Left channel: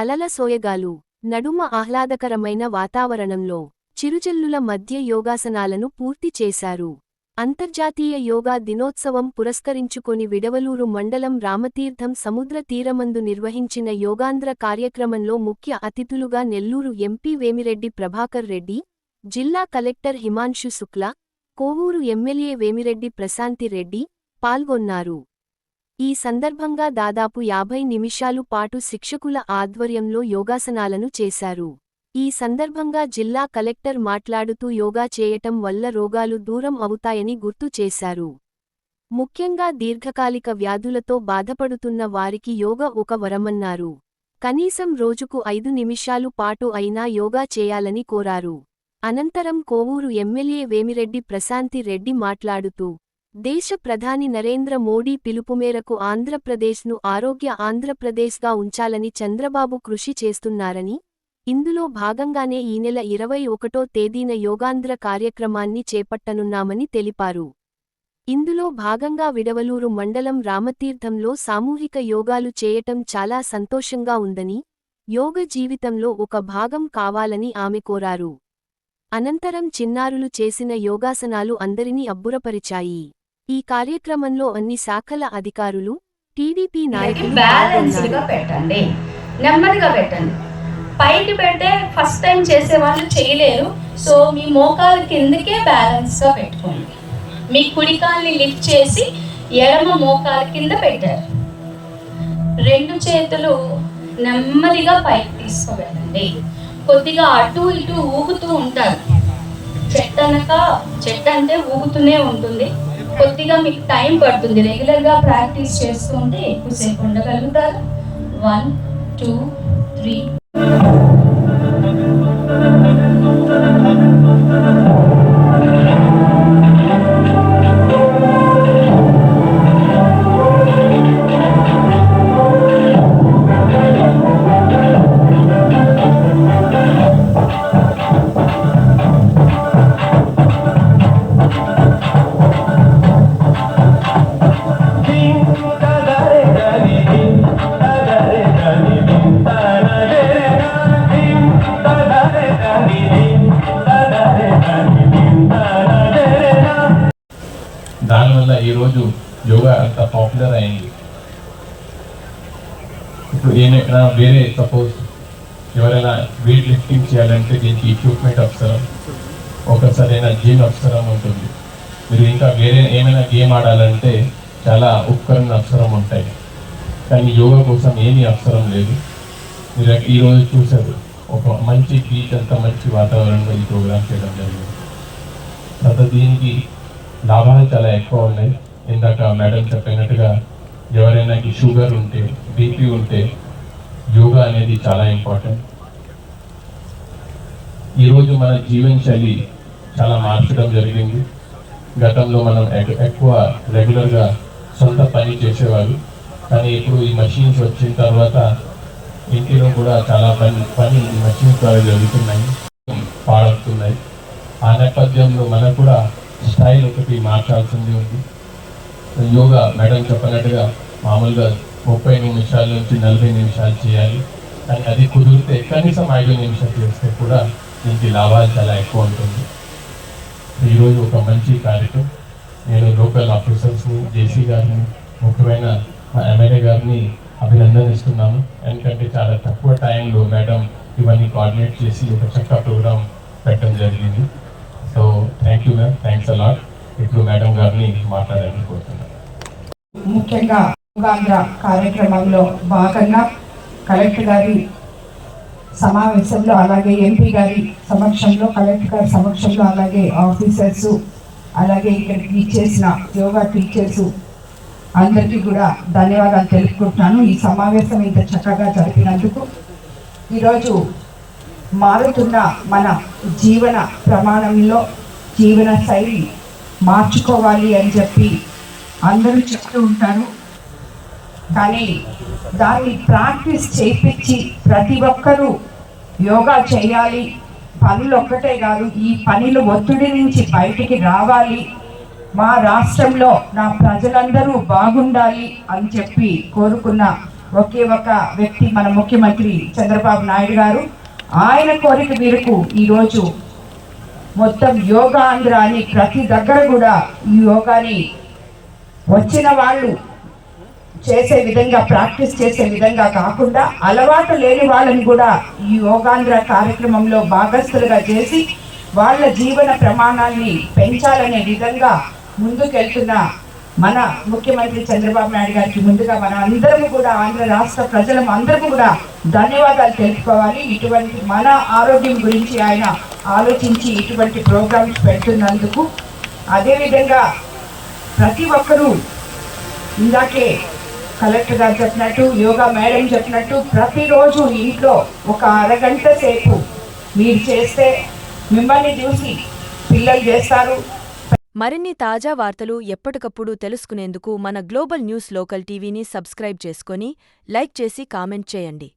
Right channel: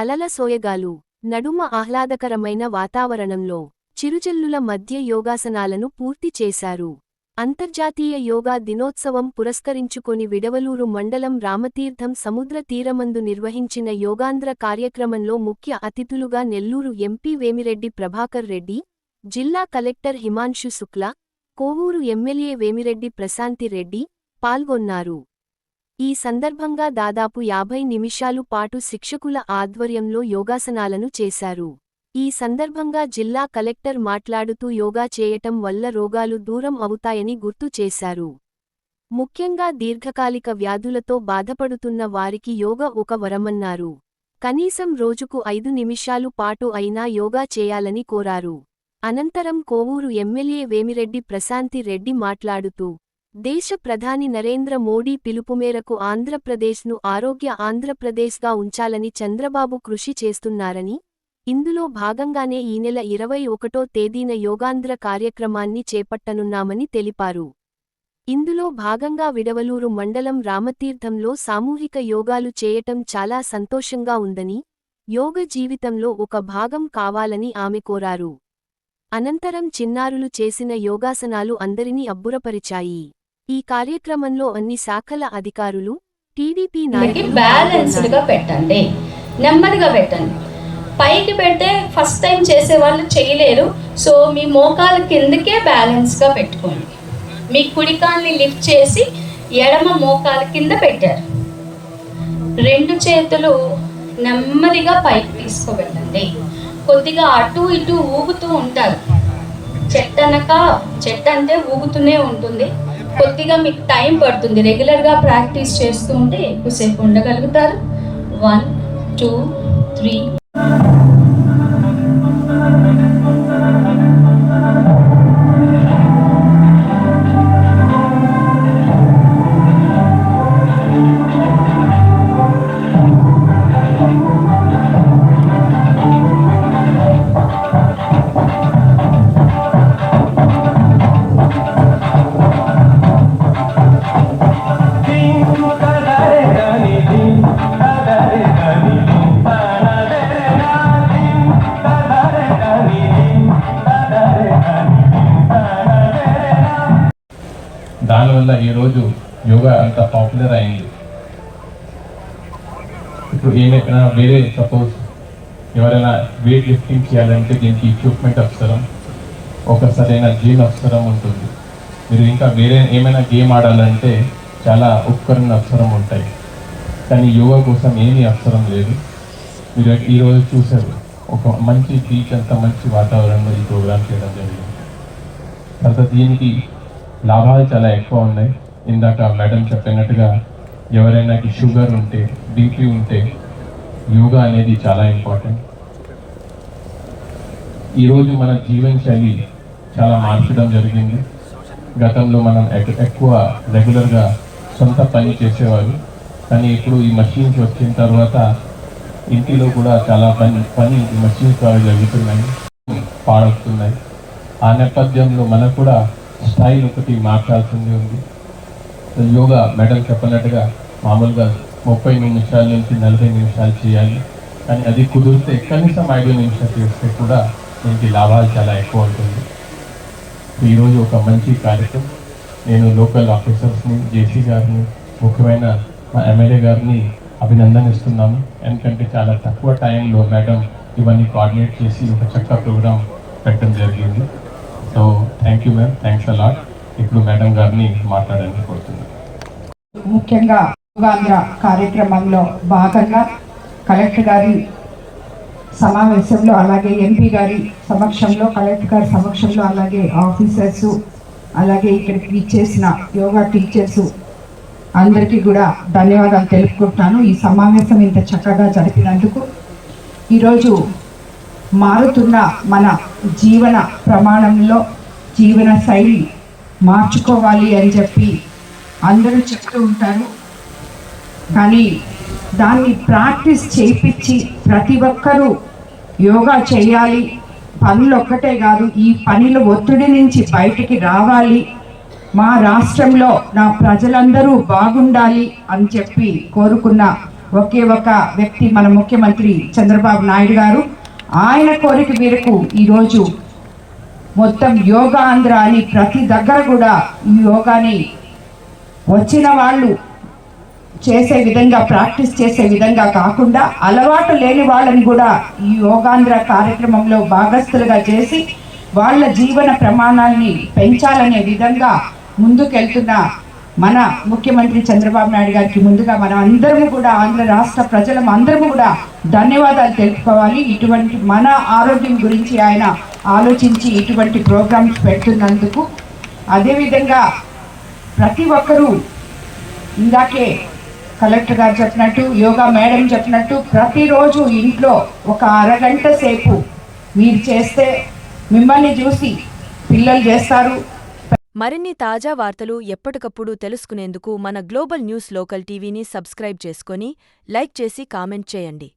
అలల సోయగాలు నడుమ ఆహ్లాదకరమైన వాతావరణంలో చిరుజల్లుల మధ్య యోగాసనాలను పూర్తి చేశారు. అంతర్జాతీయ యోగా దినోత్సవం పురస్కరించుకొని విడవలూరు మండలం రామతీర్థం సముద్ర తీరమందు నిర్వహించిన యోగాంధ్ర కార్యక్రమంలో ముఖ్య అతిథులుగా నెల్లూరు ఎంపీ వేమిరెడ్డి ప్రభాకర్ రెడ్డి, జిల్లా కలెక్టర్ హిమాంశు శుక్లా, కోవూరు ఎమ్మెల్యే వేమిరెడ్డి ప్రశాంతి రెడ్డి పాల్గొన్నారు. ఈ సందర్భంగా దాదాపు 50 నిమిషాలు పాటు శిక్షకుల ఆధ్వర్యంలో యోగాసనాలను చేశారు. ఈ సందర్భంగా జిల్లా కలెక్టర్ మాట్లాడుతూ యోగా చేయటం వల్ల రోగాలు దూరం అవుతాయని గుర్తు చేశారు. ముఖ్యంగా దీర్ఘకాలిక వ్యాధులతో బాధపడుతున్న వారికి యోగా ఒక వరమన్నారు. కనీసం రోజుకు 5 నిమిషాలు పాటు అయినా యోగా చేయాలని కోరారు. అనంతరం కోవూరు ఎమ్మెల్యే వేమిరెడ్డి ప్రశాంతి రెడ్డి మాట్లాడుతూ దేశ ప్రధాని నరేంద్ర మోడీ పిలుపు మేరకు ఆంధ్రప్రదేశ్ను ఆరోగ్య ఆంధ్రప్రదేశ్గా ఉంచాలని చంద్రబాబు కృషి చేస్తున్నారని, ఇందులో భాగంగానే ఈ నెల 21వ తేదీన యోగాంధ్ర కార్యక్రమాన్ని చేపట్టనున్నామని తెలిపారు. ఇందులో భాగంగా విడవలూరు మండలం రామతీర్థంలో సామూహిక యోగాలు చేయటం చాలా సంతోషంగా ఉందని, యోగ జీవితంలో ఒక భాగం కావాలని ఆమె కోరారు. అనంతరం చిన్నారులు చేసిన యోగాసనాలు అందరినీ అబ్బురపరిచాయి. ఈ కార్యక్రమంలో అన్ని శాఖల అధికారులు, టీడీపీ నాయకులు బ్యాలెన్స్డ్గా పెట్టండి, నెమ్మదిగా పెట్టండి. పైకి పెడితే ఫస్ట్ టైం చేసే వాళ్ళు చేయలేరు. సో మీ మోకాల కిందకే బ్యాలెన్స్గా పెట్టుకోండి. మీ కుడికాల్ని లిఫ్ట్ చేసి ఎడమ మోకాల కింద పెట్టారు. 2 చేతులు నెమ్మదిగా పైకి తీసుకోబెట్టండి. కొద్దిగా అటు ఇటు ఊగుతూ ఉంటారు. చెట్టు అంటే ఊగుతూనే ఉంటుంది. కొద్దిగా మీకు టైం పడుతుంది. రెగ్యులర్గా ప్రాక్టీస్ చేస్తూ ఉంటే ఎక్కువసేపు ఉండగలుగుతారు. 1 2 3. దానివల్ల ఈరోజు యోగా అంత పాపులర్ అయింది. ఇప్పుడు ఏమైనా వేరే సపోజ్ ఎవరైనా వెయిట్ లిఫ్టింగ్ చేయాలంటే దీనికి ఎక్విప్మెంట్ అవసరం, ఒక సరైన జిమ్ అవసరం ఉంటుంది. మీరు ఇంకా వేరే ఏమైనా గేమ్ ఆడాలంటే చాలా ఉపకరణలు అవసరం ఉంటాయి. కానీ యోగా కోసం ఏమీ అవసరం లేదు. మీరు ఈరోజు చూసారు, ఒక మంచి బీచ్ అంత మంచి వాతావరణంలో ఈ ప్రోగ్రామ్ చేయడం జరిగింది. తర్వాత దీనికి లాభాలు చాలా ఎక్కువ ఉన్నాయి. ఇందాక మేడం చెప్పినట్టుగా ఎవరైనా షుగర్ ఉంటే, బీపీ ఉంటే యోగా అనేది చాలా ఇంపార్టెంట్. ఈరోజు మన జీవనశైలి చాలా మార్చడం జరిగింది. గతంలో మనం ఎక్కువ రెగ్యులర్గా సొంత పని చేసేవాళ్ళు, కానీ ఇప్పుడు ఈ మషీన్స్ వచ్చిన తర్వాత ఇంటిలో కూడా చాలా పని ఈ మషీన్స్ ద్వారా జరుగుతున్నాయి, పాడవుతున్నాయి. ఆ నేపథ్యంలో మనకు కూడా స్టైల్ ఒకటి మార్చాల్సింది ఉంది. యోగా మేడం చెప్పినట్టుగా మామూలుగా 30 నిమిషాల నుంచి 40 నిమిషాలు చేయాలి. కానీ అది కుదిరితే కనీసం 5 నిమిషాలు చేస్తే కూడా దీనికి లాభాలు చాలా ఎక్కువ ఉంటుంది. ఈరోజు ఒక మంచి కార్యక్రమం. నేను లోకల్ ఆఫీసర్స్ని, జేసీ గారిని, ముఖ్యమైన మా ఎమ్మెల్యే గారిని అభినందనిస్తున్నాను. ఎందుకంటే చాలా తక్కువ టైంలో మేడం ఇవన్నీ కోఆర్డినేట్ చేసి ఒక చక్కగా ప్రోగ్రామ్ పెట్టడం జరిగింది. So thank you ma'am, thanks a lot. ఇప్పుడు మేడం గారిని మాట్లాడాలని కోరుతున్నాను. ముఖ్యంగా యోగాంధ్ర కార్యక్రమంలో భాగంగా కలెక్టర్ గారి సమావేశంలో, అలాగే ఎంపీ గారి సమక్షంలో, కలెక్టర్ గారి సమక్షంలో, అలాగే ఆఫీసర్స్, అలాగే ఇక్కడికి ఇచ్చేసిన యోగా టీచర్స్ అందరికీ కూడా ధన్యవాదాలు తెలుపుకుంటున్నాను. ఈ సమావేశం ఇంత చక్కగా జరిపినందుకు. ఈరోజు మారుతున్న మన జీవన ప్రమాణంలో జీవన శైలి మార్చుకోవాలి అని చెప్పి అందరూ చెప్తూ ఉంటారు. కానీ దాన్ని ప్రాక్టీస్ చేయించి ప్రతి ఒక్కరూ యోగా చేయాలి. పనులు ఒక్కటే కాదు, ఈ పనిలో ఒత్తిడి నుంచి బయటికి రావాలి. మా రాష్ట్రంలో నా ప్రజలందరూ బాగుండాలి అని చెప్పి కోరుకున్న ఒకే ఒక వ్యక్తి మన ముఖ్యమంత్రి చంద్రబాబు నాయుడు గారు. ఆయన కోరిక మేరకు ఈరోజు మొత్తం యోగా ఆంధ్ర అని ప్రతి దగ్గర కూడా ఈ యోగాని వచ్చిన వాళ్ళు చేసే విధంగా, ప్రాక్టీస్ చేసే విధంగా కాకుండా అలవాటు లేని వాళ్ళని కూడా ఈ యోగాంధ్ర కార్యక్రమంలో భాగస్థులుగా చేసి వాళ్ళ జీవన ప్రమాణాలని పెంచాలనే విధంగా ముందుకెళ్తున్న మన ముఖ్యమంత్రి చంద్రబాబు నాయుడు గారికి ముందుగా మన అందరము కూడా, ఆంధ్ర రాష్ట్ర ప్రజలం అందరము కూడా ధన్యవాదాలు తెలుపుకోవాలి. ఇటువంటి మన ఆరోగ్యం గురించి ఆయన ఆలోచించి ఇటువంటి ప్రోగ్రామ్స్ పెడుతున్నందుకు. అదేవిధంగా ప్రతి ఒక్కరూ ఇందాకే కలెక్టర్ గారు చెప్పినట్టు, యోగా మేడం చెప్పినట్టు ప్రతిరోజు ఇంట్లో ఒక అరగంట సేపు మీరు చేస్తే మిమ్మల్ని చూసి పిల్లలు చేస్తారు. మరిన్ని తాజా వార్తలు ఎప్పటికప్పుడు తెలుసుకునేందుకు మన గ్లోబల్ న్యూస్ లోకల్ టీవీని సబ్స్క్రైబ్ చేసుకొని లైక్ చేసి కామెంట్ చేయండి.